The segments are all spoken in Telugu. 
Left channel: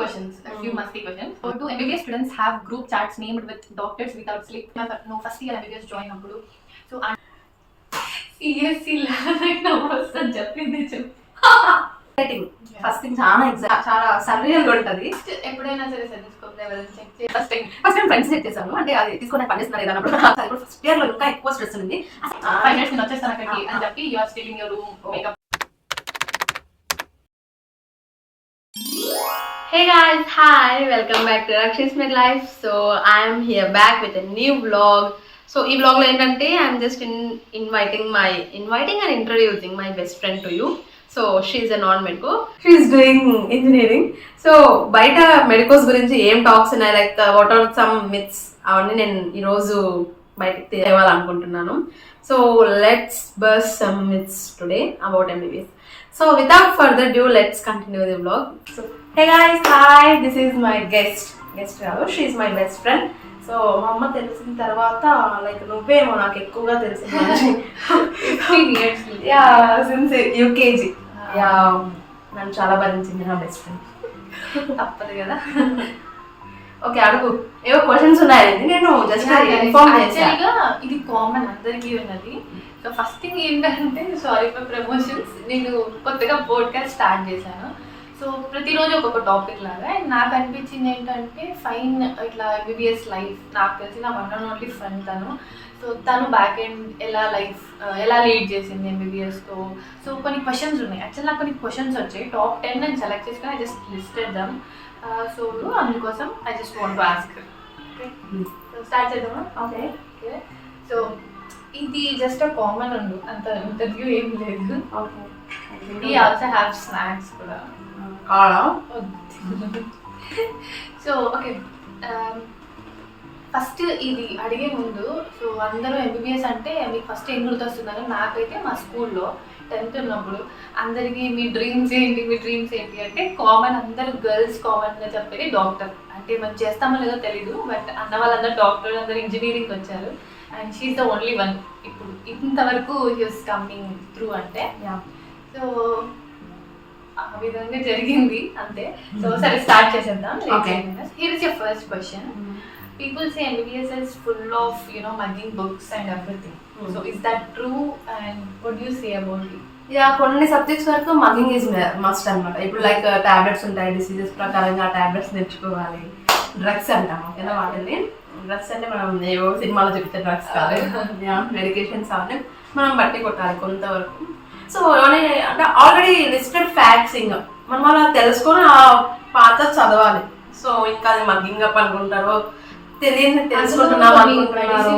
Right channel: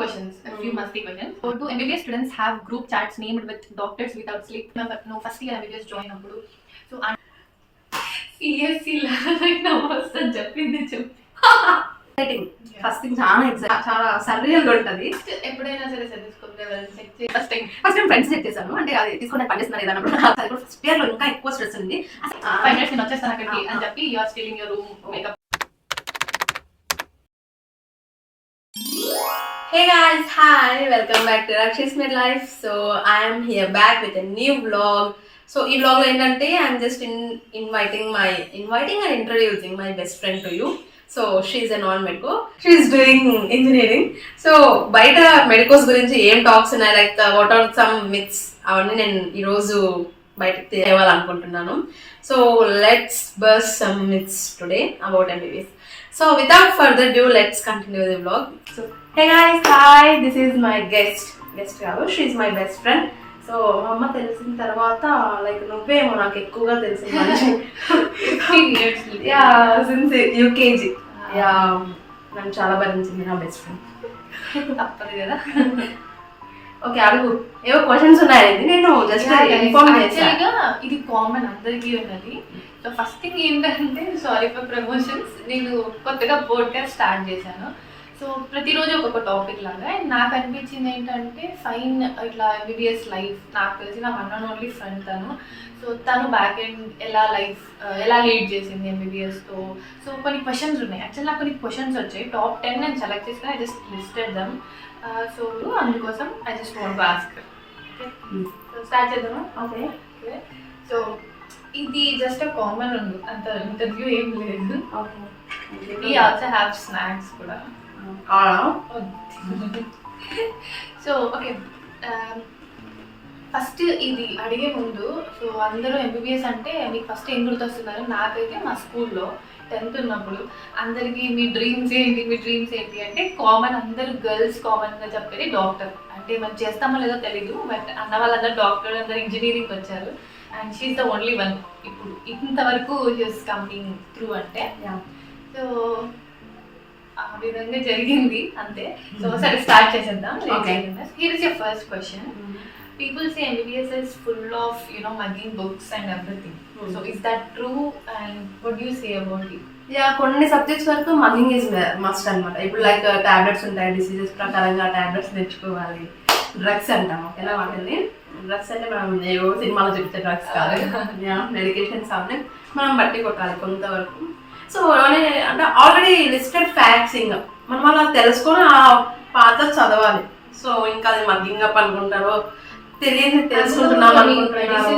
questions, a few musty questions. So, do MBBS students have group chats named with doctors without sleep? Remember, no, first year MBBS join appudu. So, CSC now వస్తుంది చెప్పింది చెప్పి ఫస్ట్ థింగ్ చాలా సర్రియల్ గా ఉంటది. ఎప్పుడైనా సరే సెటెస్కోప్ లెవెల్ చెక్ చేసి ఫస్ట్ టైం ఫ్రెండ్స్ చెక్ చేశాను. అంటే అది తీసుకొని పనిస్తున్నారు ఏదన్నప్పుడు ఫస్ట్ ఇయర్ లో ఇంకా ఎక్కువ స్ట్రెస్ ఉంది. 5 minutes నేను వచ్చేస్తాను అక్కడికి అని చెప్పి you are still in your room makeup. Hey guys, hi, welcome back to Rakshi's Midlife. So I am here back with a new vlog. So ఈ vlog లో ఏంటంటే I'm just inviting and introducing my best friend to you. So she's a non-medico. She's doing engineering. So బయట మెడికోస్ గురించి ఏం టాక్స్ ఉన్నాయి, like what are some myths, అవన్నీ నేను ఈరోజు బయటకు తేవాలనుకుంటున్నాను. So let's burst some myths today about MBBS. So without further ado, let's continue the vlog. So hey guys, hi, this is my guest కాదు, she is my best friend. So మా అమ్మ తెలిసిన తర్వాత లైక్ నువ్వేమో నాకు ఎక్కువగా తెలిసింది సిన్స్ యూకేజీ. నన్ను చాలా భరించింది నా బెస్ట్ ఫ్రెండ్. తప్పదు కదా. ఓకే అడుగు, ఏవో క్వశ్చన్స్ ఉన్నాయండి, నేను జస్ట్ ఇన్ఫార్మ్ చేశాను. ఇది కామన్ అందరికీ ఉన్నది. సో ఫస్ట్ థింగ్ ఏంటంటే, సారీ ఫర్ ప్రమోషన్స్, నేను కొత్తగా పోడ్కాస్ట్ స్టార్ట్ చేశాను. సో ప్రతిరోజు ఒక్కొక్క టాపిక్ లాగా. అండ్ నాకు అనిపించింది ఏంటంటే, ఫైన్ ఇట్లా ఎంబీబీఎస్ లైఫ్, నాకు తెలిసిన వన్ అండ్ ఓన్లీ ఫ్రెండ్ తను. సో తను బ్యాక్ ఎండ్ ఎలా లీడ్ చేసింది ఎంబీబీఎస్తో. సో కొన్ని క్వశ్చన్స్ ఉన్నాయి. యాక్చువల్ నాకు కొన్ని క్వశ్చన్స్ వచ్చాయి, టాప్ 10 నేను సెలెక్ట్ చేసుకుని I just listed them. So అందుకోసం I just want to ask. Okay, so start చేద్దామా? ఓకే. సో ఇది జస్ట్ కామన్ ఉంది, అంత ఇంటర్వ్యూ ఏం లేదు. Okay, we also have snacks కూడా. సో ఓకే, ఫస్ట్ ఇది అడిగే ముందు, సో అందరూ ఎంబీబీఎస్ అంటే మీకు ఫస్ట్ ఏం గుర్తొస్తున్నారు? నాకైతే మా స్కూల్లో 10th ఉన్నప్పుడు అందరికీ మీ డ్రీమ్స్ ఏంటి అంటే కామన్, అందరూ గర్ల్స్ కామన్గా చెప్పేది డాక్టర్. అంటే మనం చేస్తామో లేదో తెలీదు, బట్ అన్న వాళ్ళందరూ డాక్టర్, అందరూ ఇంజనీరింగ్ వచ్చారు. And she's the only one ఇప్పుడు ఇంతవరకు హీస్ కమింగ్ త్రూ అంటే. సో ఆ విధంగా జరిగింది అంతే. సో సరే స్టార్ట్ చేసేద్దాం. Here is your first question. People say MBBS is full of, mugging books and everything. So is that true, and what do you say about it? కొన్ని సబ్జెక్ట్స్ వరకు మగ్గింగ్ ఈజ్ మస్ట్ అనమాట. ఇప్పుడు లైక్ టాబ్లెట్స్ ఉంటాయి, డిసీజెస్ ప్రకారంగా టాబ్లెట్స్ తెచ్చుకోవాలి. డ్రగ్స్ అంటాం, ఓకేనా? వాటిని డ్రగ్స్ అంటే మనం ఏవో సినిమాలో చెప్తే డ్రగ్స్ కాదు, మెడికేషన్స్ అవన్నీ మనం బట్టి కొట్టాలి కొంతవరకు. సో అంటే ఆల్రెడీ లిస్టెడ్ ఫ్యాక్ట్స్ ఇంకా మనం అలా తెలుసుకొని ఆ పాత చదవాలి. సో ఇంకా అది మగ్గింగ్ అప్ అనుకుంటారో తెలియదు, తెలుసుకుంటున్నాం అనుకుంటున్నారు.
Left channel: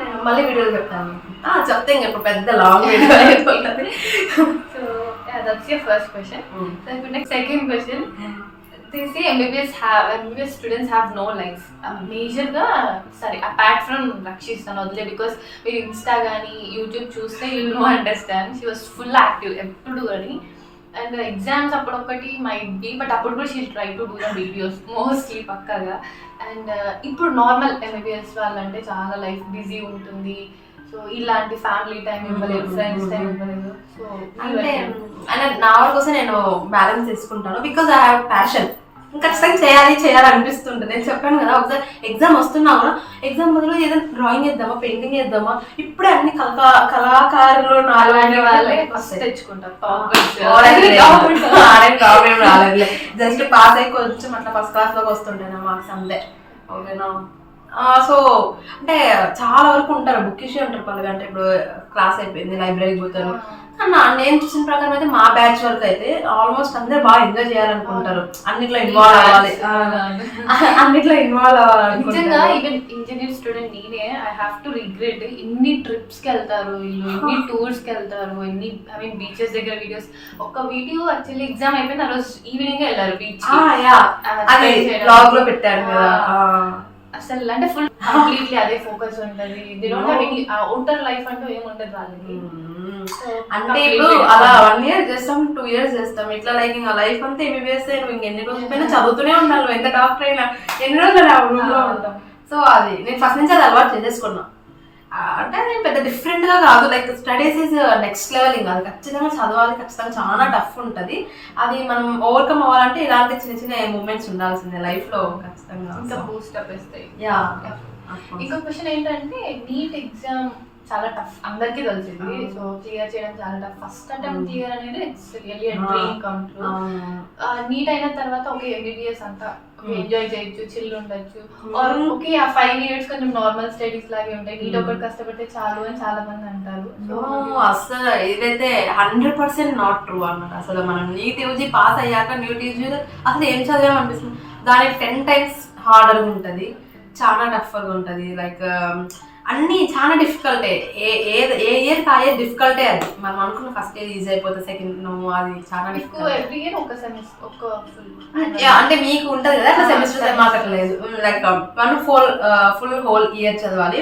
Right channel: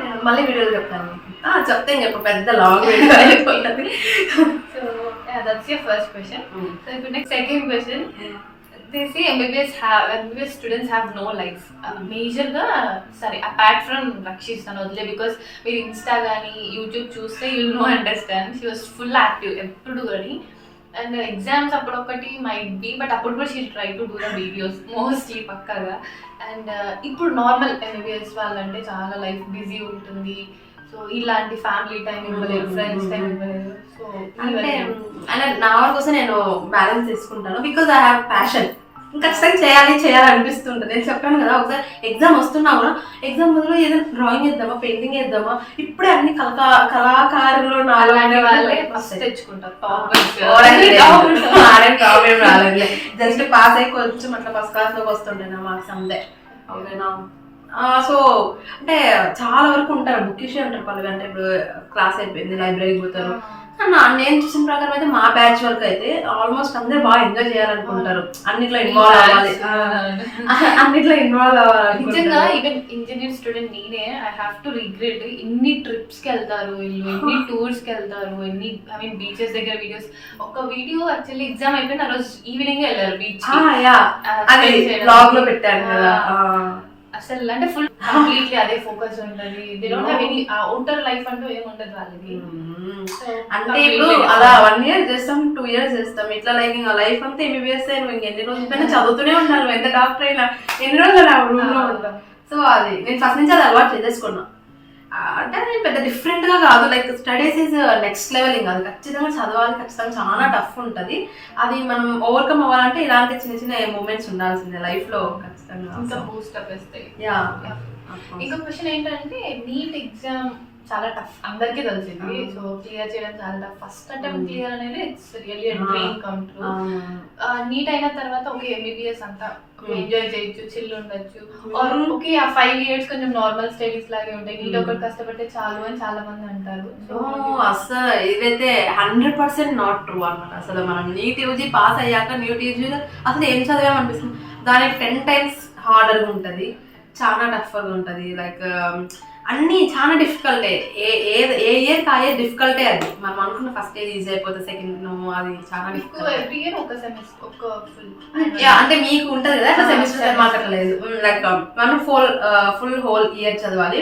నేను మళ్ళీ వీడియోలు చెప్తాను, చెప్తే ఇంకా ఇప్పుడు పెద్ద లాంగ్ వీడియో అయిపోతుంది. So that's your first question. So ఇప్పుడు next second question. They say MBBS students have no life. మేజర్గా సరే అపార్ట్ ఫ్రమ్ రక్షిత్ తను వదిలే, బికాస్ మీరు ఇన్స్టా కానీ యూట్యూబ్ చూస్తే you know understand she was full active ఎప్పుడు కానీ. అండ్ ఎగ్జామ్స్ అప్పుడు ఒకటి మైట్ బి, బట్ అప్పుడు కూడా she try to do the videos mostly పక్కాగా. అండ్ ఇప్పుడు నార్మల్ ఎంబీబీఎస్ వాళ్ళంటే చాలా లైఫ్ బిజీ ఉంటుంది. సో ఇలాంటి ఫ్యామిలీ టైం ఇవ్వలేదు, ఫ్రెండ్స్ టైం ఇవ్వలేదు. సో అంటే నా వరకు కోసం నేను బ్యాలెన్స్ చేసుకుంటాను, బికాజ్ ఐ హ్యావ్ ప్యాషన్. ఖచ్చితంగా చేయాలి అనిపిస్తుంటుంది. నేను చెప్పాను కదా, ఒకసారి ఎగ్జామ్ వస్తున్నా కూడా ఎగ్జామ్ బదులు ఏదైనా డ్రాయింగ్ వేద్దామా, పెయింటింగ్ వేద్దామా, ఇప్పుడే అన్ని కళాకారులు తెచ్చుకుంటారు. రాలేదు, జస్ట్ పాస్ అయ్యి కొంచెం అట్లా ఫస్ట్ క్లాస్ లోకి వస్తుంటాయి నా మార్క్స్ అంతే, ఓకేనా? సో అంటే చాలా వరకు ఉంటారు, బుక్కిషే ఉంటారు పల్లె. అంటే ఇప్పుడు క్లాస్ అయిపోయింది, లైబ్రరీకి పోతారు. నేను చూసిన ప్రకారం అయితే మా బ్యాచ్ వరకు అయితే ఆల్మోస్ట్ అందరూ బాగా ఎంజాయ్ చేయాలనుకుంటారు, అన్నిట్లో ఇన్వాల్వ్ అవ్వాలి. నిజంగా ఈవెన్ ఇంజనీర్ స్టూడెంట్ నేనే ఐ హ్యావ్ టు రిగ్రెట్. ఇన్ని ట్రిప్స్ కి వెళ్తారు వీళ్ళు, ఎన్ని టూర్స్ కి వెళ్తారు, ఎన్ని బీచెస్ దగ్గర వీడియోస్. ఒక వీడియో యాక్చువల్లీ ఎగ్జామ్ అయిపోయింది, ఆ రోజు ఈవినింగ్ వెళ్ళారు బీచ్ బ్లాగ్ లో పెట్టారు కదా. అసలు అంటే ఫుల్ కంప్లీట్లీ అదే ఫోకస్ ఉంటుంది. They don't have any outer life అంటూ ఏముంటది వాళ్ళకి. అంటే ఇప్పుడు అలా 1 year చేస్తాం, 2 years చేస్తాం, ఇట్లా లైక్ ఇంకా లైఫ్ అంతా ఎంబీబీఎస్ నువ్వు ఇంకెన్ని రోజుల పైన చదువుతూనే ఉండాలి. నువ్వు ఎంత డాక్టర్ అయినా ఎన్ని రోజులు రూమ్ లో ఉంటాం. సో అది నేను ఫస్ట్ నుంచి అది అలవాటు చేసేసుకున్నా. అంటే నేను పెద్ద డిఫరెంట్ గా కాదు, like studies is next level కాదు, ఖచ్చితంగా చదవాలి, ఖచ్చితంగా చాలా టఫ్ ఉంటుంది. అది మనం ఓవర్కమ్ అవ్వాలంటే ఇలాంటి చిన్న చిన్న మూమెంట్స్ ఉండాల్సిందే లైఫ్ లో ఖచ్చితంగా. ఇంకా బూస్ట్ అప్ ఇస్తాయి. యా. ఇంకో క్వశ్చన్ ఏంటంటే నీట్ ఎగ్జామ్ చాలా టఫ్, అందరికీ తెలిసింది. సో క్లియర్ చేయడం చాలా టఫ్. ఫస్ట్ అటెంప్ట్ క్లియర్ అనేది it's really dream come true. NEET అయిన తర్వాత ఓకే ఎంబీబీఎస్ అంతా ఎంజాయ్ చేయొచ్చు, చిల్ ఉండొచ్చు. ఓకే ఆ 5 years కొంచెం నార్మల్ స్టడీస్ లాగే ఉంటాయి, నీట్ ఒకటి కష్టపడితే చాలు అని చాలా మంది అంటారు. సో అసలు ఇదైతే 100% నాట్ ట్రూ అన్నమాట. అసలు మనం నీట్ యూజీ పాస్ అయ్యాక నీట్ యూజీ అసలు ఏం చదివామనిపిస్తుంది, దాని 10 times హార్డర్గా ఉంటుంది, చాలా టఫ్గా ఉంటుంది. లైక్ అన్నీ చాలా డిఫికల్టే, ఏ ఇయర్కి ఆ ఇయర్ డిఫికల్టే. అది మనం అనుకున్న ఫస్ట్ ఇయర్ ఈజీ అయిపోతుంది, సెకండ్ అది చాలా డిఫికల్ట్. ఎవ్రీ ఇయర్ ఒక సెమిస్టర్ ఒక ఫుల్ అంటే మీకు ఉంటుంది కదా అట్లా సెమిస్టర్, మాకు అట్లా లేదు. లైక్ మనం ఫుల్ హోల్ ఇయర్ చదవాలి.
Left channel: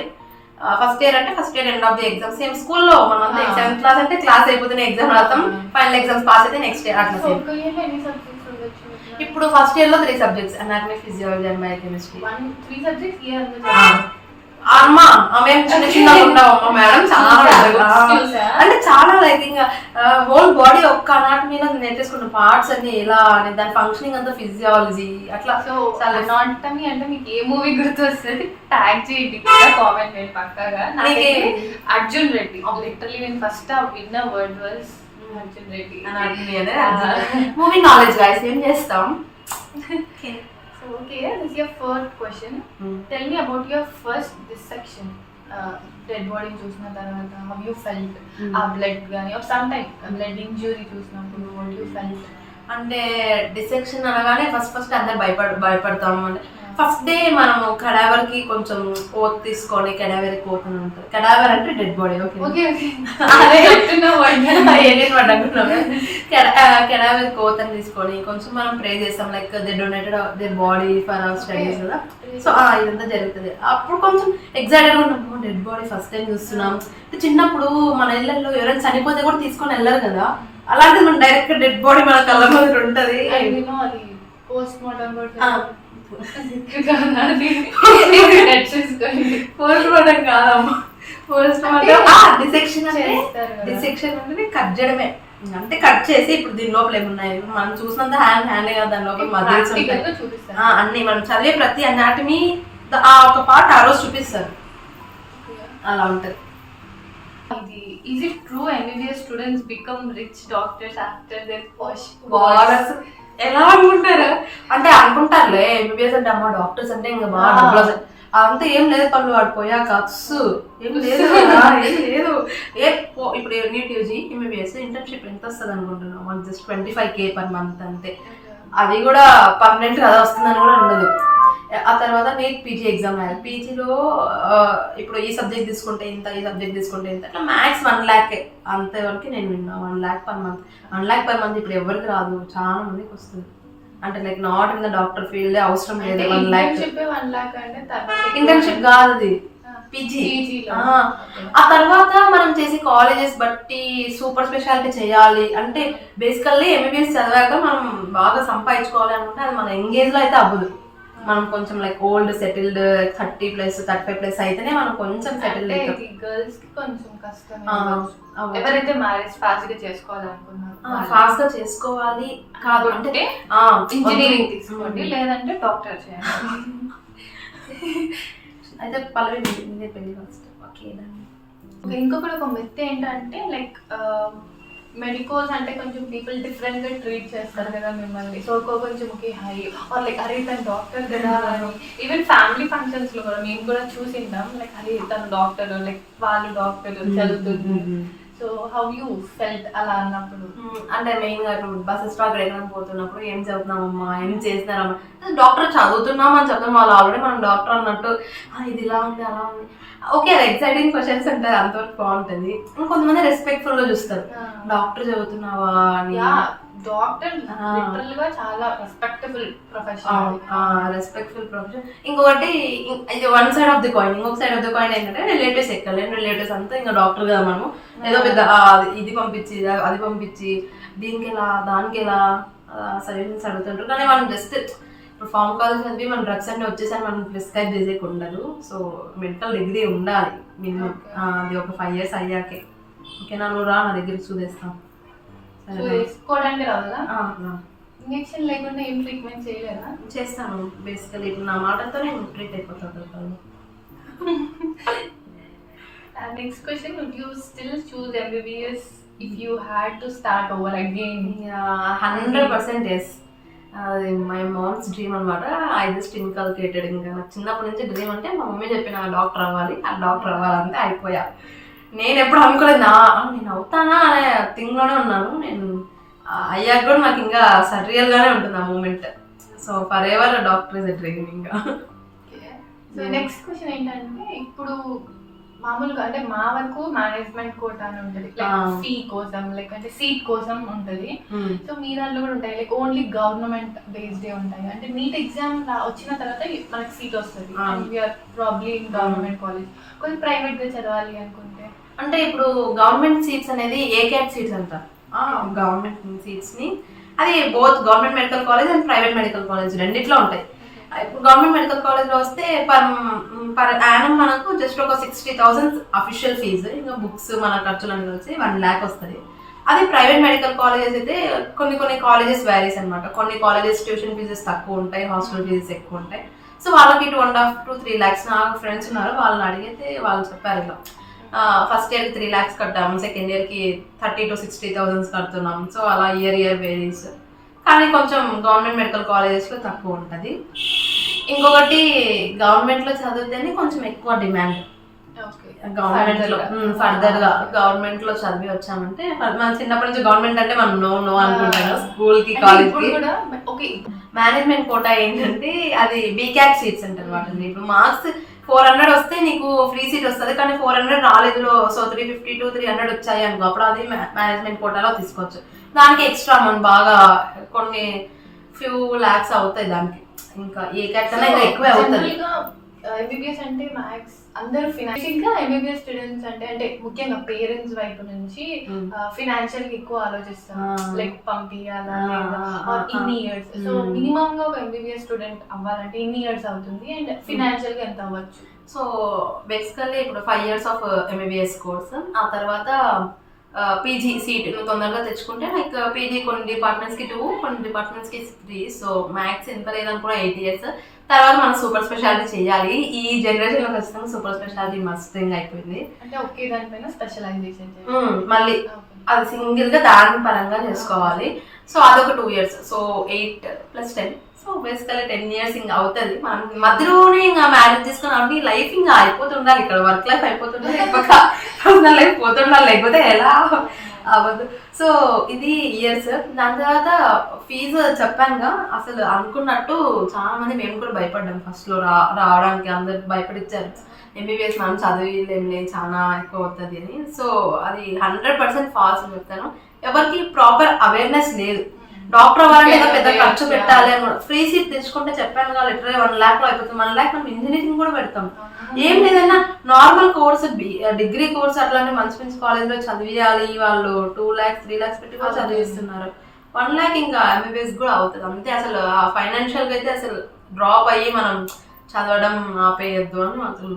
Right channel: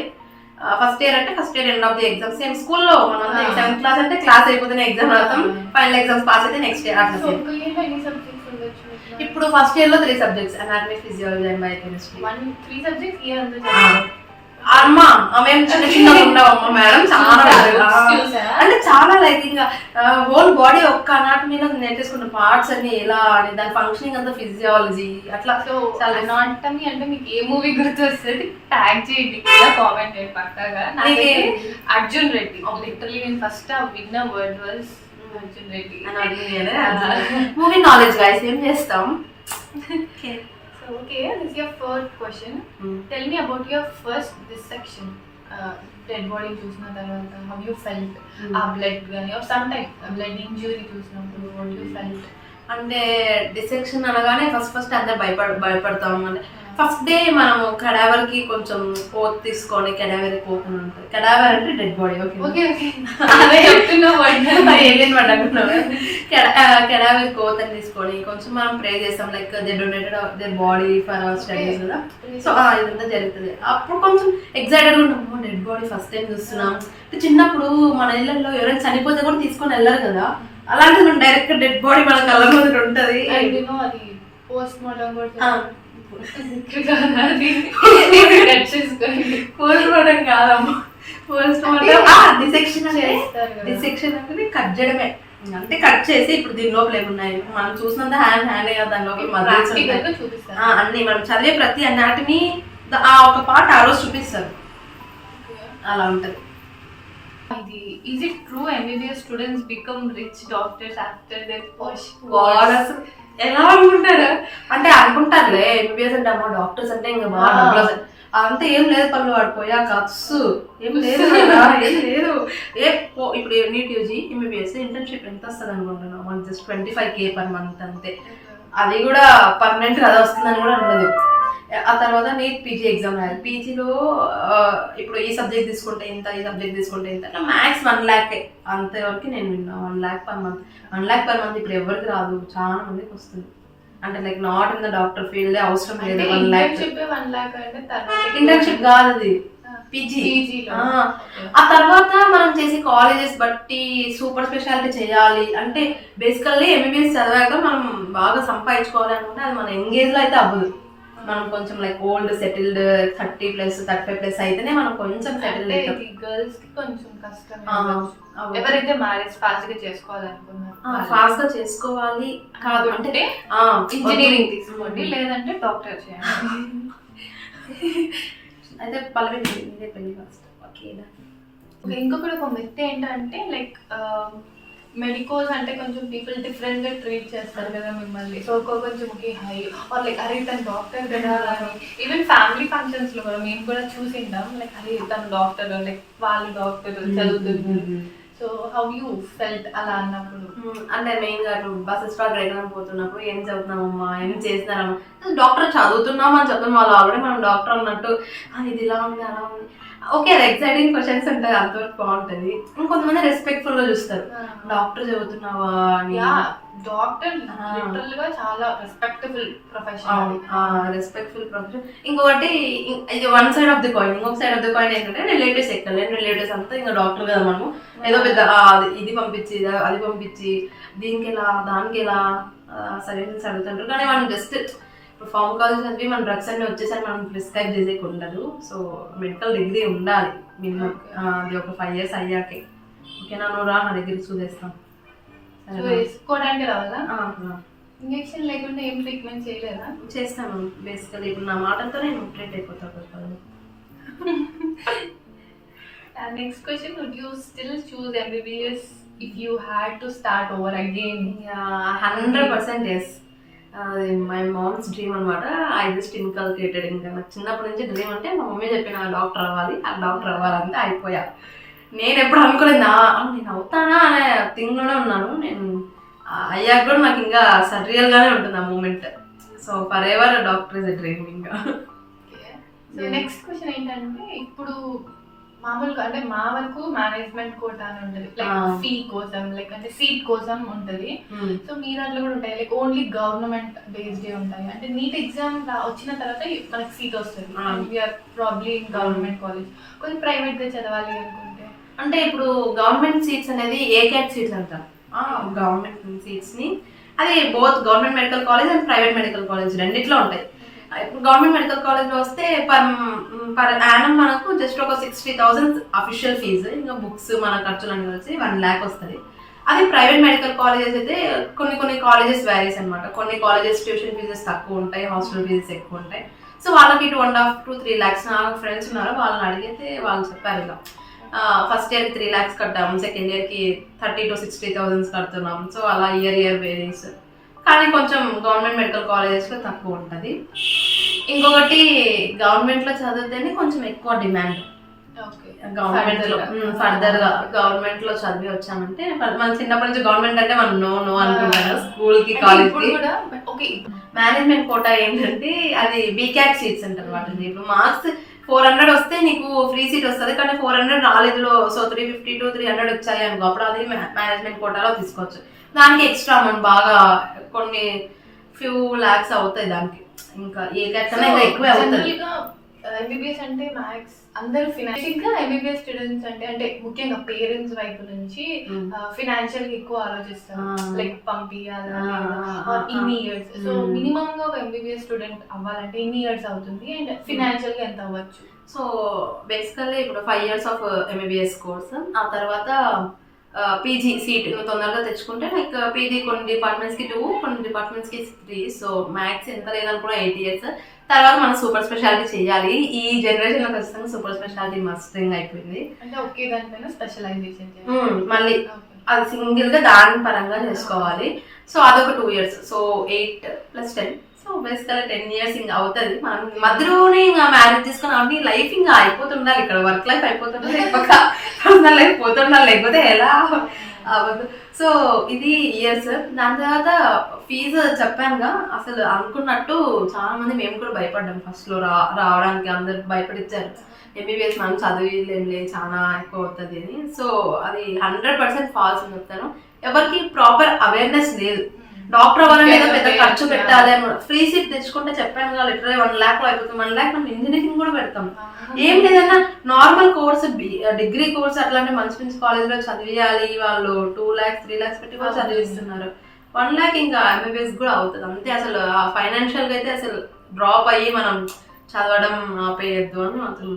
ఫస్ట్ ఇయర్ అంటే first year end of the exam same స్కూల్లో మనం 7th క్లాస్ అంటే క్లాస్ అయిపోతేనే ఎగ్జామ్ రాస్తాం, ఫైనల్ ఎగ్జామ్స్ పాస్ అయితే నెక్స్ట్ ఇయర్ అట్లా. ఇప్పుడు ఫస్ట్ ఇయర్ లో 3 subjects, anatomy, physiology and biochemistry. 3 subjects year అమ్మా మేము చిన్న చిన్నగా ఉండవమ్మా మేడం, చాలా అంటే చాలా లైక్ ఇంకా హోల్ బాడీ ఒక్క అనాటమీలో నేర్చేసుకున్న పార్ట్స్ అన్ని ఎలా అని, దాని ఫంక్షనింగ్ అంతా ఫిజియాలజీ అట్లా. సో అనాటమీ అంటే మీకు ఏ మూవీ గుర్తు వస్తుంది ట్యాగ్ చేయండి కూడా, కామెంట్ చేయండి పక్కాగా. అర్జున్ రెడ్డి లిటరలీ నేను ఫస్ట్ విన్న word was Arjun Reddy. Anatomy అనే మూవీ నాలెడ్జ్ గైస్, ఏం చేస్తాం. So okay, this is your first question. Tell me about your first dissection. Dead body చూసిన తర్వాత how you felt? ఆ blood గాని or sometime blood injury చూసినప్పుడు what you felt? అంటే డిసెక్షన్ అనగానే ఫస్ట్ అందరు భయపడతాము. అంటే ఫస్ట్ డే మనము కడావర్ కి కొంచెం ఓత్ తీసుకొని, కడావర్ కోత్ అని ఉంటుంది. కడావర్ అంటే డెడ్ బాడీ. ఓకే కడావర్ కోత్ అని తీసుకొని కొంచెం మనం ప్రే చేస్తాం, like they donated their body for hour studies కదా. సో ఇదంతా జరుగుతుంది. అప్పుడు కొంచెం ఎక్సైటెడ్ గా ఉంటాం, డెడ్ బాడీ ఫస్ట్ టైం చూస్తున్నాం. చిన్నప్పుడు మన ఇళ్ళల్లో ఎవరైనా చనిపోతే కూడా తీసుకొని వెళ్ళరు కదా, అలాంటిది మనం డైరెక్ట్ డెడ్ బాడీ మన కళ్ళ ముందు ఉంటది. అది పోస్ట్ మార్టం కాదమ్మా, పోస్ట్ మార్టం డిసెక్షన్ అంటే కట్ చేయడమే. అంటే కట్ చేసి ఇప్పుడు దీని లోపల ఏమున్నాయి మనం చూసినంత హ్యాండ్ కదా, దాని లోపల మజిల్స్ ఉంటాయి అన్ని, మనం చదివే ప్రతి అనాటమీ ఆ ఒక పార్ట్ ఆ రోజు చూపిస్తారు, అలా ఉంటది. Is it true MBBS students become rich doctors after their first ఎలా అనుకుంటారు అంటే అనుకుంటారులే, ఎంబీబీఎస్ అంటే అమ్మ డాక్టర్స్ అంటే ఇంకా బాగా డబ్బులు అంతా ఏం లేదు, పనులు వాడిపోయాక ఏం లేదు ఏం లేదు. ఇప్పుడు నీట్ యూజీ ఎంబీబీఎస్ ఇంటర్న్షిప్ ఎంత వస్తుంది అనుకుంటున్నాం, మనకి జస్ట్ 25K per month అంతే. అది కూడా పర్మనెంట్ కదా వస్తుందని కూడా ఉండదు. ఆ తర్వాత నీట్ పీజీ ఎగ్జామ్ రాయాలి. పీజీలో ఇప్పుడు ఈ సబ్జెక్ట్ తీసుకుంటే ఇంత, ఈ సబ్జెక్ట్ తీసుకుంటే ఇంత, అట్లా మ్యాక్స్ 1 lakh అంతవరకు నేను విన్నా. 1 lakh per month. 1 lakh per month ఇప్పుడు ఎవరికి రాదు, చాలా మందికి వస్తుంది. అంటే like not in the doctor field అవసరం లేదు. 1 lakh ఇంటర్న్షిప్ కాదు, అది పీజీ. ఆ తర్వాత మనం చేసే కాలేజెస్ బట్టి సూపర్ స్పెషాలిటీ చేయాలి అంటే బేసికల్లీ ఎంబీబీఎస్ చదివాక మనం బాగా సంపాదించుకోవాలి అనుకుంటే అది మన ఎంగేజ్ లో అయితే అవ్వదు. మనం కొంచెం లైక్ ఓల్డ్ సెటిల్డ్ 30+ 35+ అయితేనే మనం కొంచెం సెటిల్ అవుతాం. గర్ల్స్ కి కొంచెం కష్టం. ఎవరైతే మ్యారేజ్ ఫాస్ట్ గా చేసుకోవాలనుకున్నారు ఫాస్ట్ గా చేసుకోవాలి కాదు అంటే ఇంజనీరింగ్ తీసుకోండి, లేదంటే డాక్టర్ చేయండి. అయితే పల్లవి పెళ్లి ఫస్ట్. ఓకే ఇంకొకటి ఒక మిత్ ఏంటంటే లైక్ మెడికోస్ అంటే కొంచెం పీపుల్ డిఫరెంట్ గా ట్రీట్ చేస్తారు కదా మిమ్మల్ని. సో కొంచెం ఓకే హై ఆర్ లైక్ అరే తను డాక్టర్ కదా అని, ఈవెన్ ఫ్యామిలీ ఫంక్షన్స్ లో కూడా మేము కూడా చూసిందాం, లైక్ అరే తను డాక్టర్, లైక్ వాళ్ళు డాక్టర్ చదువుతుంది. సో హౌ యూ ఫెల్ట్ అలా అన్నప్పుడు? అంటే మెయిన్ గా బస్ స్టాక్ ఎక్కడ పోతున్నప్పుడు ఏం చదువుతున్నామమ్మా, ఏం చేస్తున్నారమ్మా, డాక్టర్ చదువుతున్నాం అని చెప్తాం. వాళ్ళు ఆల్రెడీ మనం డాక్టర్ అన్నట్టు ఇది ఇలా ఉంది అలా ఉంది. ఓకే అది ఎక్సైటింగ్ క్వశ్చన్స్ ఉంటాయి, అంతవరకు బాగుంటుంది. ఇంకొంతమంది రెస్పెక్ట్ఫుల్ గా చూస్తారు, డాక్టర్ చదువుతున్నావా అని. డాక్టర్ లిటరల్ గా చాలా రెస్పెక్టబుల్ ప్రొఫెషన్. ఇంకొకటి ఇది 1 side of the coin. ఇంకొక సైడ్ ఆఫ్ ద కాయిన్ ఏంటంటే రిలేటివ్స్ ఎక్కలేని రిలేటివ్స్ అంతా ఇంకా డాక్టర్ కదా, మనము ఏదో పెద్ద ఇది పంపించి అది పంపించి దీనికి ఎలా దానికి ఎలా సజెషన్స్ అడుగుతుంటారు. కానీ మనం జస్ట్ ఇప్పుడు ఫార్మకాలజీ చదివి మన డ్రగ్స్ అన్ని వచ్చేసరి మనం ప్రిస్క్రైబ్ చేసేకి ఉండదు. సో మెడికల్ డిగ్రీ ఉండాలి మినిమం. అది ఒక 5 years అయ్యాకే. ఓకేనా, నువ్వు రా నా దగ్గరికి చూసేస్తాం. వేసుకోవడానికి రావాలా? ఇంజెక్షన్ లేకుండా ఏం ట్రీట్మెంట్ చేయలేదా? చేస్తాను బేసికలీ. ఇప్పుడు నా మాటలతో నేను ట్రీట్ అయిపోతాను. Next question, would you still choose MBBS if you had to start over again? 100% yes. అది మై మామ్స్ డ్రీమ్ అనమాట. I just inculcated. ఇంకా నాకు చిన్నప్పటి నుంచి డ్రీమ్ అంటే మా మమ్మీ చెప్పిన డాక్టర్ అవ్వాలి, ఆ డాక్టర్ అవ్వాలంటే అయిపోయా. నేను ఎప్పుడు అనుకోలేదు నేను అవుతానా అనే థింగ్లోనే ఉన్నాను. నేను అయ్యాక కూడా నాకు ఇంకా సర్రియల్గానే ఉంటుంది ఆ moment. So forever doctor is a dream ఇంకా. సో నెక్స్ట్ క్వశ్చన్ ఏంటంటే, ఇప్పుడు మామూలుగా అంటే మా వరకు మేనేజ్మెంట్ కోటా అని ఉంటుంది, లైక్ ఫీ కోసం, లైక్ అంటే సీట్ కోసం ఉంటుంది. సో మీ దాంట్లో కూడా ఉంటాయి, లైక్ ఓన్లీ గవర్నమెంట్ బేస్డ్ ఉంటాయి. అంటే నీట్ ఎగ్జామ్ వచ్చిన తర్వాత మనకి సీట్ వస్తుంది and we're probably in government college. కొంచెం ప్రైవేట్ గా చదవాలి అనుకుంటే అంటే ఇప్పుడు గవర్నమెంట్ సీట్స్ అనేది ఏకాట్ సీట్స్ అంటారు. గవర్నమెంట్ సీట్స్ ని అది both government medical college and private medical college రెండిట్లో ఉంటాయి. గవర్నమెంట్ మెడికల్ కాలేజ్లో వస్తే పర్ యానం మనకు జస్ట్ ఒక 60,000 అఫీషియల్ ఫీజు, ఇంకా బుక్స్ మన ఖర్చులను కలిసి 1 lakh వస్తుంది. అది ప్రైవేట్ మెడికల్ కాలేజెస్ అయితే కొన్ని కాలేజెస్ వ్యారీస్ అనమాట. కొన్ని కాలేజెస్ ట్యూషన్ ఫీజెస్ తక్కువ ఉంటాయి, హాస్టల్ ఫీజెస్ ఎక్కువ ఉంటాయి. సో వాళ్ళకి 2.5 to 3 lakhs. నా ఫ్రెండ్స్ ఉన్నారు, వాళ్ళని అడిగితే వాళ్ళు చెప్పారు ఇలా ఫస్ట్ ఇయర్కి 3 lakhs కట్టాము, సెకండ్ ఇయర్కి 30,000 to 60,000 కడుతున్నాం. సో అలా ఇయర్ వేరీస్. కానీ కొంచెం గవర్నమెంట్ మెడికల్ కాలేజెస్లో తక్కువ ఉంటుంది. ఇంకొకటి గవర్నమెంట్లో చదివితేనే కొంచెం ఎక్కువ డిమాండ్. గవర్నమెంట్లో ఫర్దర్గా గవర్నమెంట్లో చదివి వచ్చామంటే మన చిన్నప్పటి నుంచి గవర్నమెంట్ అంటే మనం నో అనుకుంటాం కదా, స్కూల్కి కాలేజ్కి. మేనేజ్మెంట్ కోటా ఏంటంటే అది బీక్యాట్ సీట్స్ అంటారు వాటిని. ఇప్పుడు మార్క్స్ 400 వస్తే నీకు ఫ్రీ సీట్ వస్తుంది, కానీ 400 రాలేదులో సో 350 to 300 వచ్చాయి అనుకో, అప్పుడు అది మేనేజ్మెంట్ కోటాలో తీసుకోవచ్చు. దానికి ఎక్స్ట్రా మనం బాగా కొన్ని ఫ్యూ లాక్స్ అవుతాయి దానికి. ఇంకా ఏ క్యాట్ కన్నా ఇంకా ఎక్కువే అవుతుంది. MBBS అంటే మ్యాథ్స్ అందరూ ఫినాన్షియల్ గా MBBS స్టూడెంట్స్ అంటే ముఖ్యంగా పేరెంట్స్ వైపు నుంచి ఫినాన్షియల్ గా ఎక్కువ ఆలోచిస్తారు, లైక్ పంపియాలా ఇన్ని ఇయర్స్. సో మినిమం గా ఒక MBBS స్టూడెంట్ అవ్వాలంటే ఇన్ని ఇయర్స్ అవుతుంది అండ్ ఫినాన్షియల్ గా ఎంత అవ్వచ్చు? సో బేసికల్లీ ఇప్పుడు 5 years ఆఫ్ MBBS కోర్స్, ఆ తర్వాత పీజీ సీట్ నువ్వు తొందరగా తెచ్చుకుంటే లైక్ పీజీ కొన్ని డిపార్ట్మెంట్స్కి 2, కొన్ని డిపార్ట్మెంట్స్కి 3. సో మ్యాథ్స్ ఎంత లేదనుకున్నా 8 years. తర్వాత మనం సూపర్ స్పెషాలిటీ చేయాలి. ఈ జనరేషన్లో ఖచ్చితంగా సూపర్ స్పెషాలిటీ మస్ట్ థింగ్ అయిపోయింది. అంటే ఒకే దానిపైన స్పెషలైజేషన్ మళ్ళీ అది సింగిల్గా దాని పరంగా చేసుకోవాలి. సో అదొక 2 years. So 8 + 10. So basically 10 years ఇంకా అవుతుంది. మనం మధ్యలోనే ఇంకా మ్యారేజ్ చేసుకుని అవి లైఫ్ ఇంకా అయిపోతుండాలి. ఇక్కడ వర్క్ లైఫ్ అయిపోతుండాలి, లేకపోతే పర్సనల్ లైఫ్ పోతుండాలి, లేకపోతే ఎలా అవ్వదు. సో ఇది ఇయర్స్. దాని తర్వాత ఫీజు చెప్పానుగా, అసలు అనుకున్నట్టు చాలా మంది మేము కూడా భయపడ్డాం ఫస్ట్లో రావడానికి. అందరు భయపడిచ్చారు MBBS మనం చదివేం చాలా ఎక్కువ అవుతుంది అని. సో అది 100% ఫాల్స్ అని చెప్తాను. ఎవరికి ప్రాపర్ అవేర్నెస్ లేదు. డాక్టర్ అవ్వాలంటే ఏదో పెద్ద ఖర్చు పెట్టాలి అని. ఫ్రీ సీట్ తెచ్చుకుంటే చెప్పాను కదా, లిటరలీ 1 lakh లో అయిపోతుంది. 1 lakh మనం ఇంజనీరింగ్ కూడా పెడతాం. ఏం లేదన్నా నార్మల్ కోర్స్, డిగ్రీ కోర్స్ అట్లాంటి మంచి కాలేజ్లో చదివియాలి. వాళ్ళు 2 lakhs 3 lakhs పెట్టి కూడా చదివిస్తున్నారు. 1 lakh ఇంకా MBBS కూడా అవుతుంది అంతే. అసలు ఆ ఫైనాన్షియల్గా అయితే అసలు డ్రాప్ అయ్యి మనం చదవడం ఆపేయద్దు అని మాత్రం.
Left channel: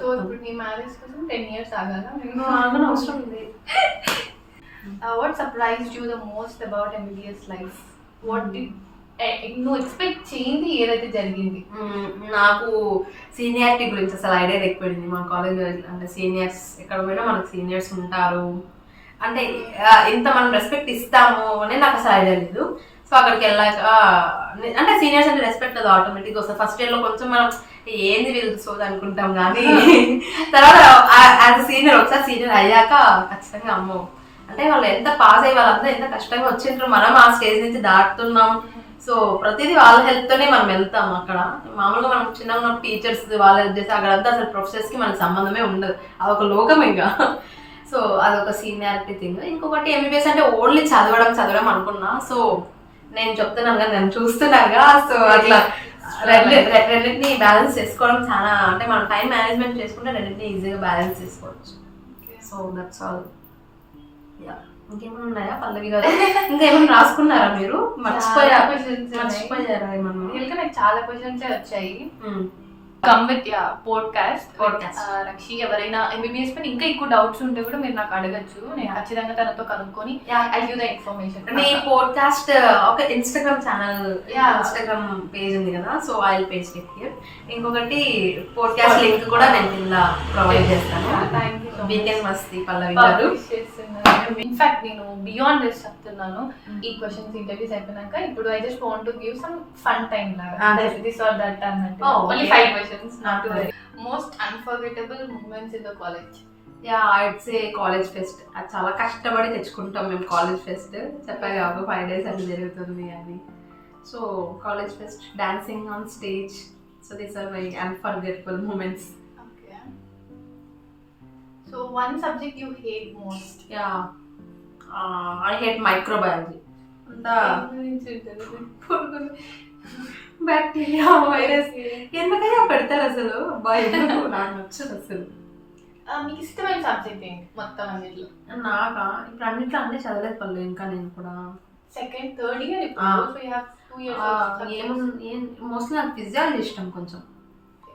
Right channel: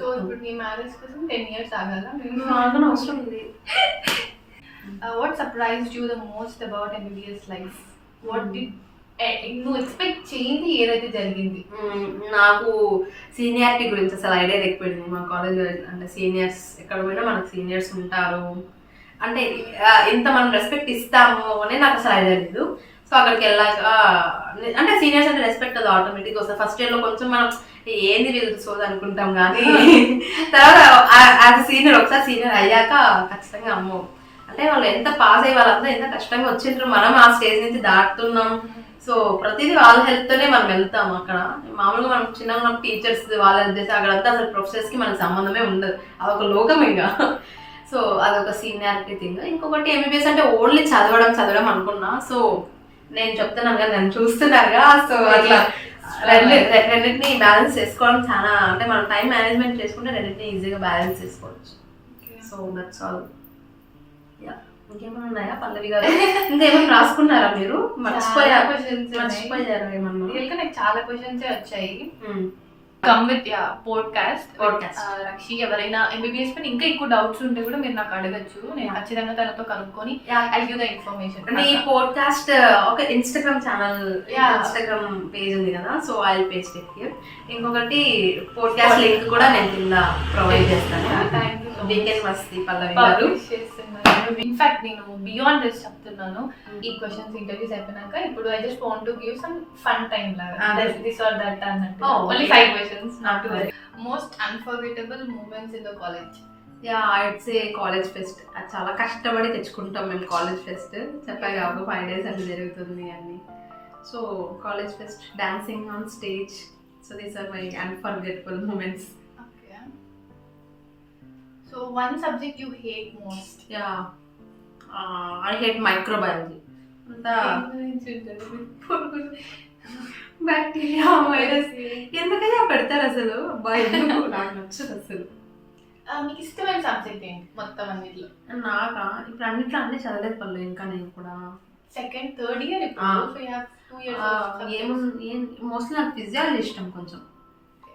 సో ఇప్పుడు నీ మ్యారేజ్ కోసం 10 years ఆగాలా? ఆగని అవసరం ఉంది. What surprised you the most about MBBS life? What did నువ్వు ఎక్స్పెక్ట్ చేయింది ఏదైతే జరిగింది? నాకు సీనియారిటీ గురించి అసలు ఐడియా లేకపోయింది. మా కాలేజ్లో అంటే సీనియర్స్ ఎక్కడ పోయినా మనకు సీనియర్స్ ఉంటారు, అంటే ఇంత మనం రెస్పెక్ట్ ఇస్తాము అని నాకు అసలు ఐడియా లేదు. సో అక్కడికి వెళ్ళాక అంటే సీనియర్స్ అంటే రెస్పెక్ట్ అది ఆటోమేటిక్గా వస్తుంది. ఫస్ట్ ఇయర్లో కొంచెం మనం ఏంది వీళ్ళు సోది అనుకుంటాం, కానీ తర్వాత యాజ్ సీనియర్ ఒకసారి సీనియర్ అయ్యాక ఖచ్చితంగా అమ్మో అంటే వాళ్ళు ఎంత పాస్ అయ్యి వాళ్ళంతా ఎంత కష్టంగా వచ్చింటారు, మనం ఆ స్టేజ్ నుంచి దాటుతున్నాం. సో ప్రతిదీ వాళ్ళ హెల్ప్తోనే మనం వెళ్తాం. అక్కడ మామూలుగా మనం చిన్నగా ఉన్న టీచర్స్ వాళ్ళ హెల్ప్ చేసి అక్కడంతా అసలు ప్రొఫెసర్స్కి మనకు సంబంధమే ఉండదు, అదొక లోకం ఇంకా. సో అదొక సీనియారిటీ థింగ్. ఇంకొకటి MBBS అంటే ఓన్లీ చదవడం అనుకున్నా. సో నేను చెప్తున్నాను కదా, నేను చూస్తున్నాగా, సో అట్లా రెండింటిని బ్యాలెన్స్ చేసుకోవడం చాలా, అంటే మనం టైం మేనేజ్మెంట్ చేసుకుంటే రెండింటిని ఈజీగా బ్యాలెన్స్ చేసుకోవచ్చు. So that's all. Yeah. ఇంకేమైనా ఉన్నాయా పల్లవి గారు? ఇంకా ఏమైనా రాసుకున్నారా మీరు? క్వశ్చన్స్ మర్చిపోయారా ఏమన్నా? నాకు చాలా క్వశ్చన్స్ వచ్చాయి. Come with podcast. రక్షి ఎవరైనా ఎంబీబీఎస్ పైన ఇంకా ఎక్కువ డౌట్స్ ఉంటే కూడా మీరు నాకు అడగచ్చు. నేను ఖచ్చితంగా తనతో కనుక్కొని ఐ గివ్ ద ఇన్ఫర్మేషన్. అంటే ఈ పోడ్కాస్ట్ ఒక ఇన్స్టాగ్రామ్ ఛానల్, ఇన్స్టాగ్రామ్ పేజ్ ఉంది కదా, so I will paste it here. ఇంకొకటి పోడ్కాస్ట్ లింక్ కూడా నేను కింద ప్రొవైడ్ చేస్తాను. వీకెండ్ మస్తీ పల్లవి గారు. ఇన్ఫాక్ట్ నేను బియాండ్ దిస్ చెప్తున్నాను. ఈ క్వశ్చన్స్ ఇంటర్వ్యూస్ అయిపోయినాక ఇప్పుడు I just want to give some fun time లాగా, దిస్ ఆర్ దట్ అన్నట్టు. Only 5 questions, not to worry. Most unforgettable moments in the college. I'd say college fest. అది చాలా కష్టపడి తెచ్చుకుంటాం మేము కాలేజ్ ఫెస్ట్. చెప్పాయి కాబట్టి 5 days అట్లా జరుగుతుంది అని. So college fest, dancing on stage, so these are my unforgettable moments. So one subject you hate most? I hate microbiology. Bacteria, virus ఎందుకైనా పెడతారు అసలు. ఎందుకు నాకు నచ్చదు అసలు. మీకు ఇష్టమైన సబ్జెక్ట్ ఏంటి మొత్తం అన్నిట్లో? నాకా ఇప్పుడు అన్నిట్లో అన్నీ చదవలేదు పళ్ళు. ఇంకా నేను కూడా సెకండ్ థర్డ్ ఇయర్ మోస్ట్లీ నాకు ఫిజియాలజీ ఇష్టం, కొంచెం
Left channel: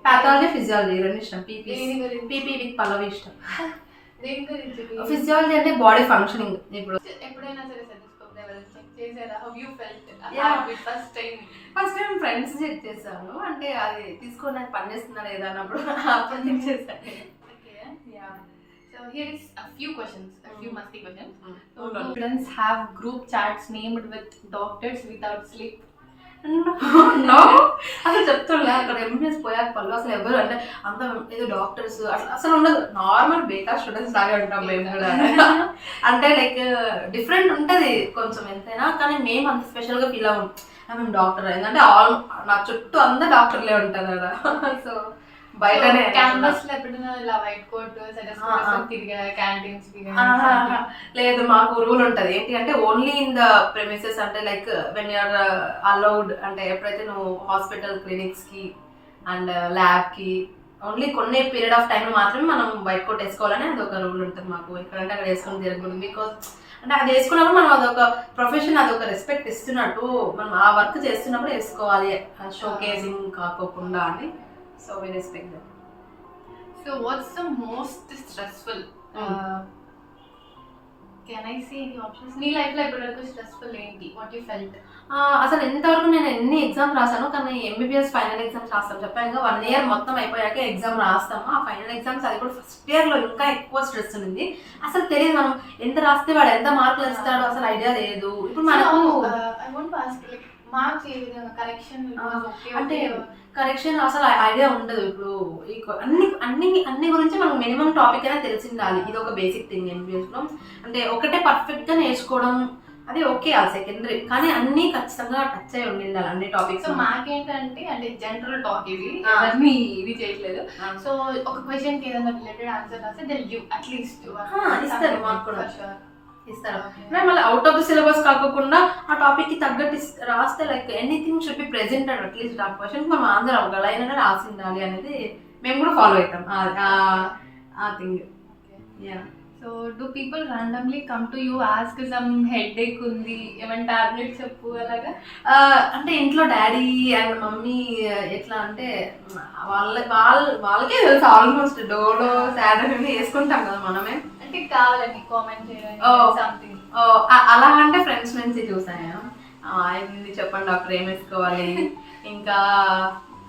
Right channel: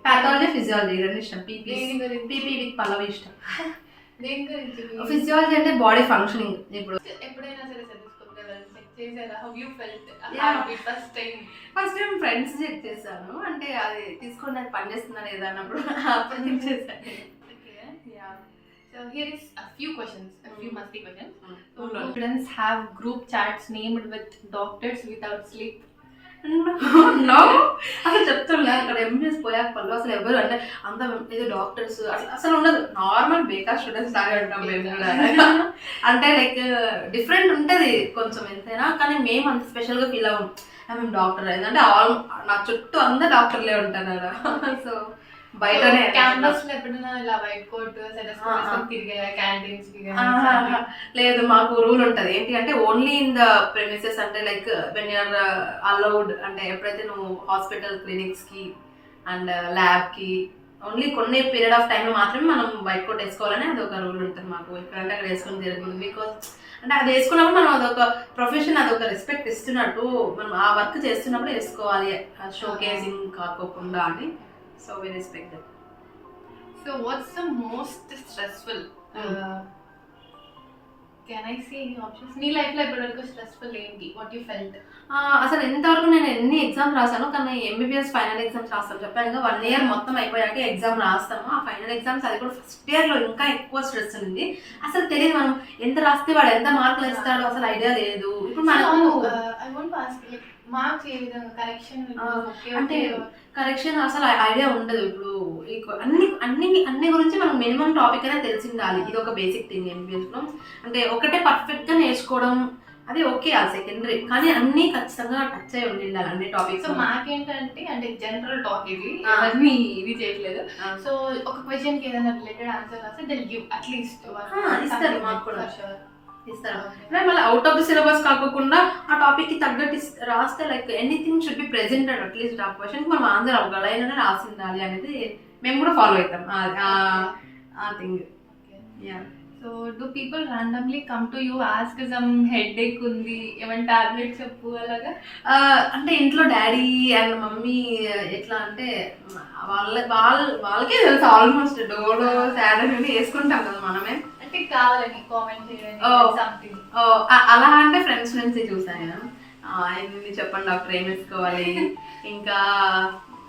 పాథాలజీ ఫిజియాలజీ రెండు ఇష్టం. పీపీ విత్ పల్లవి ఇష్టం. ఫిజియాలజీ అంటే బాడీ ఫంక్షనింగ్. ఇప్పుడు ఎప్పుడైనా సరే చెక్ చేసారా? How you felt first time? Friends check చేశాను, అంటే అది తీసుకోవడానికి పని చేస్తున్నా లేదా అన్నప్పుడు అప్పుడు చెక్ చేశాను. So here is a few questions, a few musty questions. So students have group chats named with doctors without sleep. No అసలు చెప్తున్నా, అక్కడ ఎంబీఎస్ పోయాక పళ్ళు అసలు ఎవరు అంటే అంత ఏదో డాక్టర్స్ అసలు ఉండదు. నార్మల్ బేకార్ స్టూడెంట్స్ లాగే ఉంటాం మేము కూడా. అంటే లైక్ డిఫరెంట్ ఉంటుంది కొంచెం ఎంతైనా, కానీ మేము అంత స్పెషల్గా ఫీల్ అవ్వం. మేము డాక్టర్ అయిందంటే నా చుట్టూ అందరు డాక్టర్లే ఉంటారు కదా. సో బయటనే క్యాంపస్ లో ఎప్పుడైనా ఇలా వైట్ కోట్ తిరిగా క్యాంటీన్స్ లేదు. మాకు రూల్ ఉంటుంది ఏంటి అంటే ఓన్లీ ఇన్ ద ప్రెమిసెస్, అంటే లైక్ వెన్ యూఆర్ అలౌడ్, అంటే ఎప్పుడైతే నువ్వు హాస్పిటల్ క్లినిక్స్ కి అండ్ ల్యాబ్ కి ఓన్లీ కొన్ని పీరియడ్ ఆఫ్ టైంలో మాత్రమే మనం వైట్ కోట్ వేసుకోవాలని అది ఒక రూల్ ఉంటుంది మాకు. ఎక్కడంటే అక్కడ వేసుకొని తిరగకూడదు. బికాస్ అంటే అది వేసుకున్నప్పుడు మనం అదొక ప్రొఫెషన్, అదొక రెస్పెక్ట్ ఇస్తున్నట్టు, మనం ఆ వర్క్ చేస్తున్నప్పుడు వేసుకోవాలి, షో కేసింగ్ కాకోకుండా అని. So we respect them. So what's the most stressful? Can I say any options? నీ లైఫ్ లో ఎప్పటివరకు స్ట్రెస్ఫుల్ ఏంటి? What you felt? అసలు ఎంతవరకు నేను ఎన్ని ఎగ్జామ్స్ రాసాను, కానీ ఎంబీబీఎస్ ఫైనల్ ఎగ్జామ్స్ రాస్తాను చెప్పాను. 1 year మొత్తం అయిపోయాక ఎగ్జామ్ రాస్తాము. ఆ ఫైనల్ ఎగ్జామ్స్ అది కూడా ఫస్ట్ ఇయర్ లో ఇంకా ఎక్కువ స్ట్రెస్ ఉంది. అసలు తెలియదు మనం ఎంత రాస్తే వాడు ఎంత మార్కులు ఇస్తాడో అసలు ఐడియా లేదు. ఇప్పుడు మనకు I want to ask like marks ఏ విధంగా కరెక్షన్ అంటే కరెక్షన్ అసలు ఐడియా ఉండదు. ఇప్పుడు అన్ని గురించి మనకు మినిమం టాపిక్ అయినా తెలిసిండాలి. ఇది ఒక బేసిక్ థింగ్ ఎంబీబీఎస్ లో. అంటే ఒకటే పర్ఫెక్ట్ గా నేర్చుకోవడం అది ఓకే, అది సెకండరీ, కానీ అన్ని ఖచ్చితంగా టచ్ అయి ఉండాలి అన్ని టాపిక్స్. సో మాకేంటంటే అంటే జనరల్ టాక్ ఇది, అన్ని ఇది చేయట్లేదు. సో ఒక క్వశ్చన్ కి ఏదైనా రిలేటెడ్ ఆన్సర్ రాస్తే దే గివ్ అట్లీస్ట్ ఇస్తారు. మాకు కూడా ఇస్తారు. మళ్ళీ అవుట్ ఆఫ్ ది సిలబస్ కాకుండా ఆ టాపిక్ కి తగ్గట్టు రాస్తే like anything should be presented at least ఆ క్వశ్చన్ మనం ఆన్సర్ అవ్వగలైనా రాసి ఉండాలి అనేది మేము కూడా ఫాలో అవుతాం ఆ thing. So do people randomly come to you ask some headache ఉంది ఏమైనా టాబ్లెట్ చెప్పు అలాగా? అంటే ఇంట్లో డాడీ అండ్ మమ్మీ ఎట్లా అంటే వాళ్ళకే తెలుసు ఆల్మోస్ట్. డోలో సాడ్ అని వేసుకుంటాం కదా మనమే, అంటే కావాలని కామెంట్ చేయడానికి సంథింగ్ అలా. అంటే ఫ్రెండ్స్ నుంచి చూసాను, ఆయన్ని చెప్పండి డాక్టర్ ఏం వేసుకోవాలి, ఇంకా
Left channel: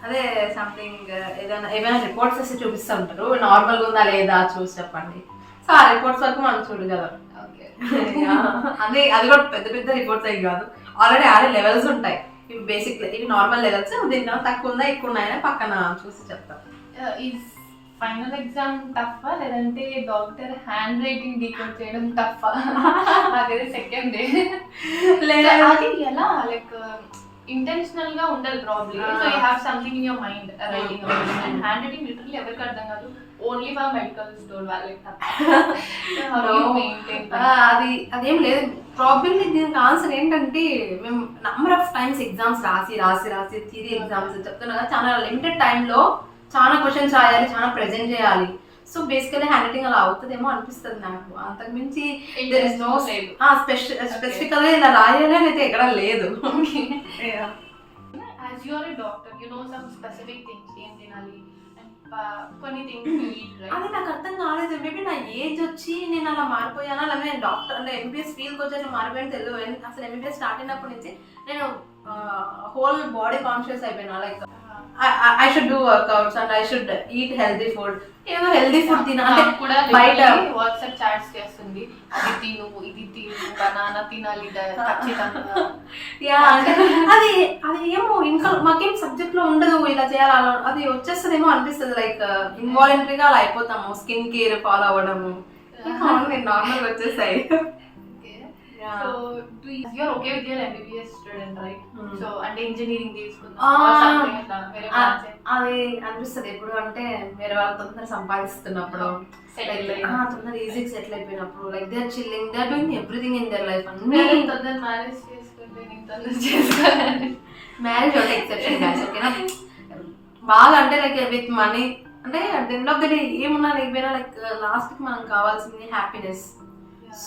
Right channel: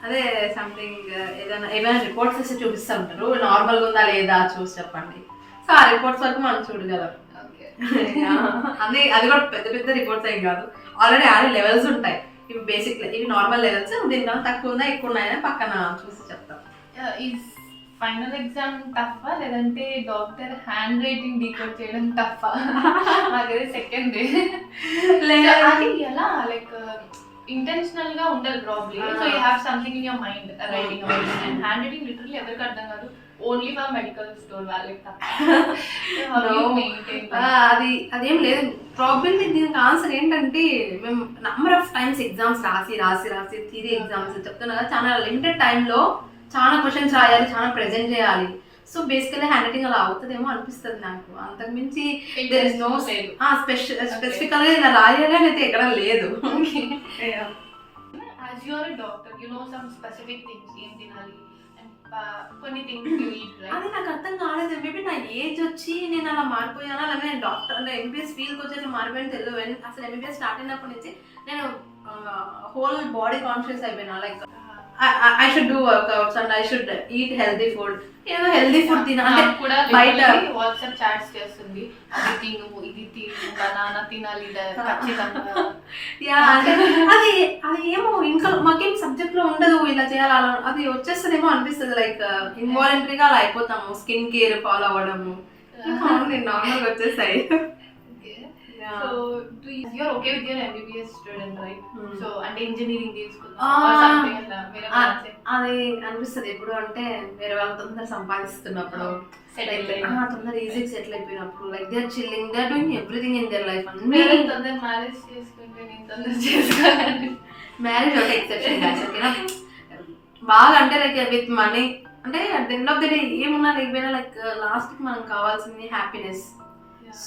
అదే సంథింగ్ ఏమైనా రిపోర్ట్స్ వస్తే చూపిస్తూ ఉంటారు, నార్మల్గా ఉందా లేదా చూసి చెప్పండి. సో ఆ రిపోర్ట్స్ వరకు మనం చూడగలం. అది కూడా పెద్ద పెద్ద రిపోర్ట్స్ అయ్యి కాదు, ఆల్రెడీ లెవెల్స్ ఉంటాయి. ఇవి బేసిక్, ఇవి నార్మల్ లెవెల్స్, దీనికన్నా తక్కువ ఉందా ఎక్కువ ఉన్నాయని పక్కన చూసి చెప్తాం. ఫైనల్ ఎగ్జామ్ టఫా లేదంటే డాక్టర్ హ్యాండ్ రైటింగ్ డీకోడ్ చేయడం టఫా? నాకైతే సెకండ్ డే. లేదా అది ఎలా లైక్ ఇంటెన్షనల్ గా ఉండదు probably. So you have something in your mind writing about it. And hand writing literally ఎవరికి అర్థం కాదు, ఓన్లీ ఫర్ మెడికల్ స్టోర్ వాళ్ళకి తప్ప. అదేం లేదు ప్రాబ్లమ్. దీనికి ఆన్సర్ ఏంటంటే మేము నంబర్ ఆఫ్ టైమ్స్ ఎగ్జామ్స్ రాసి థియరీ ఎగ్జామ్స్ చెప్తున్నా కదా, చాలా లిమిటెడ్ టైంలో చాలా క్వశ్చన్స్ రాయాలి, చాలా ప్రెజెంట్ చేయాలి. సో బేసికలీ హ్యాండ్ రైటింగ్ అలా అవుతుందేమో అనిపిస్తుంది నాకు. అంతకుమించి దెర్ ఇస్ నో లేదు. స్పెసిఫికల్ గా ఇలా రాయాలి అయితే ఎక్కడ లేదు. As you are a doctor, you know some specific things ఏం తినాలి and కొన్ని థింగ్స్ యూ ఈట్, రైట్? అది నాకు అర్థం కాలేదు. మేబీ నా ఏజ్ వచ్చి నేను అలా మారిపోయానా, లేదా నేను డాక్టర్ అంటే ఎంబీబీఎస్ ఫీల్డ్కి వచ్చి అట్లా మారిపోయాను తెలియదు. అసలు ఎంబీబీఎస్ స్టార్ట్ అయినప్పటి నుంచి నేను హోల్ బాడీ కాన్షియస్ అయిపోయినా. Like I should do workouts and I should eat healthy food. ఏదో హెల్దీ ఫుడ్ తినాలి. కూడా బయట వాట్సాప్ చాట్స్ చేస్తుంది, అది తిను ఇది తిను, బనానా తినాలి ఖచ్చితంగా. యా అది అది ఏమో ఇంకా మాకేం సబ్జెక్ట్ లో ఉండదు ఇలా చేయాలి అలా, అది వచ్చేస్తుందేమో అనిపిస్తుంది. లైక్ ఇన్వాలంటరీగా అలా అయిపోతాము. స్కిన్ కేర్ ఫాలో అవ్వడము నేను నార్మల్గా వచ్చేసాయి. So you're okay with your MBBS student, right? So అంటే ఇంజనీరింగ్ అది అనిపిస్తుంది ఎప్పుడు అంటే వేరే వాళ్ళ తొందర సంపాదిస్తున్నప్పుడు, తొందర ఈజీ సెటిల్ అయిపోయినప్పుడు, like they are chilling, they are doing everything in their life. అన్ని తొందర మ్యారేజ్ చేసుకుంటే నేను తొందర చేసుకోవాలి. మ్యారేజ్ ఒకటి ఎక్సెప్షన్ గాయ్స్, ఓకేనా? బాగా అంటే లైక్ విత్ మనీ అంటే at the end of the day ఏమున్నా లేకపోయినా లైక్ లాస్ట్కి మనం కావాల్సింది హ్యాపీనెస్.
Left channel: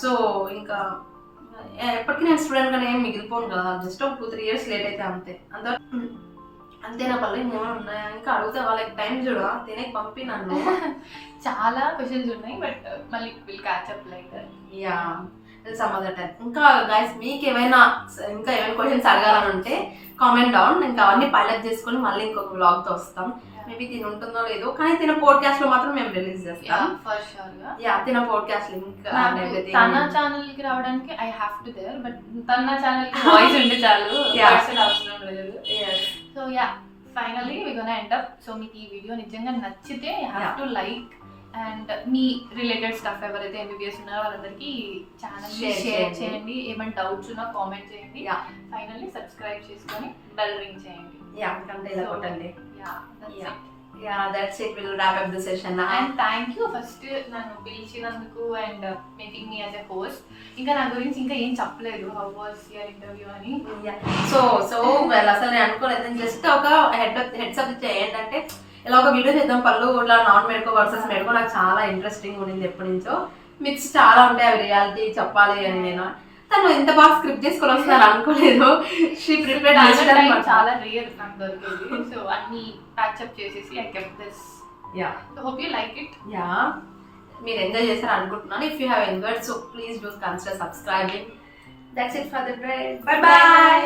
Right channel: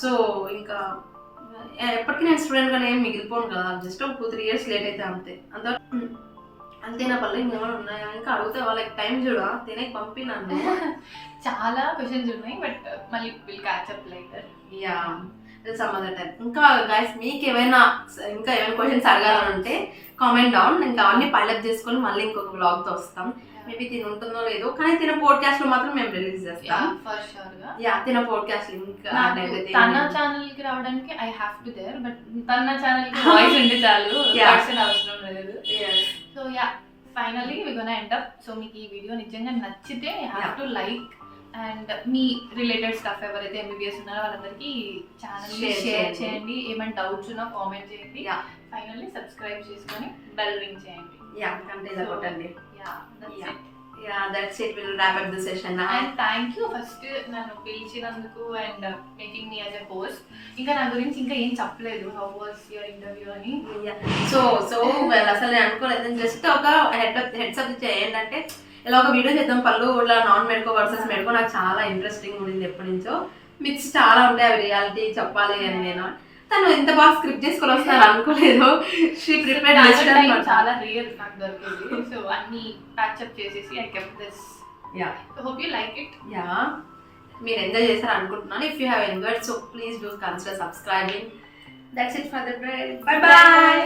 సో ఇంకా ఎప్పటికీ నేను స్టూడెంట్ గానే ఏం మిగిలిపోను కదా, జస్ట్ ఒక 2-3 years లేట్ అయితే అంతే. అంతే నా పనులు ఇంకేమైనా ఉన్నాయా ఇంకా అడిగితే వాళ్ళకి టైం చూడ తినే పంపి నన్ను. చాలా క్వశ్చన్స్ ఉన్నాయి బట్ మళ్ళీ will catch up lighter. Yeah some other time. ఇంకా గైస్ మీకు ఏమైనా క్వశ్చన్స్ అడగాలని ఉంటే కామెంట్ డౌన్, ఇంకా అవన్నీ పైలప్ చేసుకొని మళ్ళీ ఇంకొక వ్లాగ్ తో వస్తాం. మేబీ తిని ఉంటుందో లేదో, కానీ తిన పోడ్కాస్ట్ లో మాత్రం మేము రిలీజ్ చేస్తాం. యా తిన పోడ్కాస్ట్ లింక్ తన ఛానల్ కి రావడానికి I have to there, but తన ఛానల్ కి వాయిస్ ఉంటే చాలు, పర్సన్ అవసరం లేదు. So ya finally we gonna end up. So మీకు ఈ వీడియో నిజంగా నచ్చితే you have to like and మీ రిలేటెడ్ స్టఫ్ ఎవరైతే ఎంబీబీఎస్ ఉన్నారో వాళ్ళందరికీ ఛానల్ షేర్ చేయండి. ఏమైనా డౌట్స్ ఉన్నా కామెంట్ చేయండి. ఫైనల్లీ సబ్స్క్రైబ్ చేసుకొని బెల్ రింగ్ చేయండి. అంటే ఇలా కొట్టండి. That's it. We'll wrap up the session now. And thank you first నన్ను పిలిచినందుకు and making me as a host. ఇంకా నా గురించి ఇంకా ఏం చెప్పలేదు, how was your interview అని. సో well అసలు నేను అనుకోలేదు. జస్ట్ ఒక హెడ్స్ అప్ ఏంటంటే ఇలా ఒక వీడియో చేద్దాం పళ్ళు ఇట్లా నాన్ మెడికో వర్సెస్ మెడికో. నాకు చాలా ఇంట్రెస్టింగ్ ఉండింది ఎప్పటి నుంచో. మిక్స్ చాలా ఉంటాయి, అవి రియాలిటీ చెప్పాలి అని. నేను తను ఎంత బాగా స్క్రిప్ట్ చేసుకొని వస్తున్నారు అనుకోలేదు. షీ ప్రిపేర్డ్ చాలా రియల్ నాకు దొరికేది. సో అన్ని ప్యాచప్ చేసేసి I kept this. Hope you like it. మీరు ఎంజాయ్ చేశారు అనుకుంటున్నాను. If you have enjoyed so please do consider subscribing. That's it for the day. By by.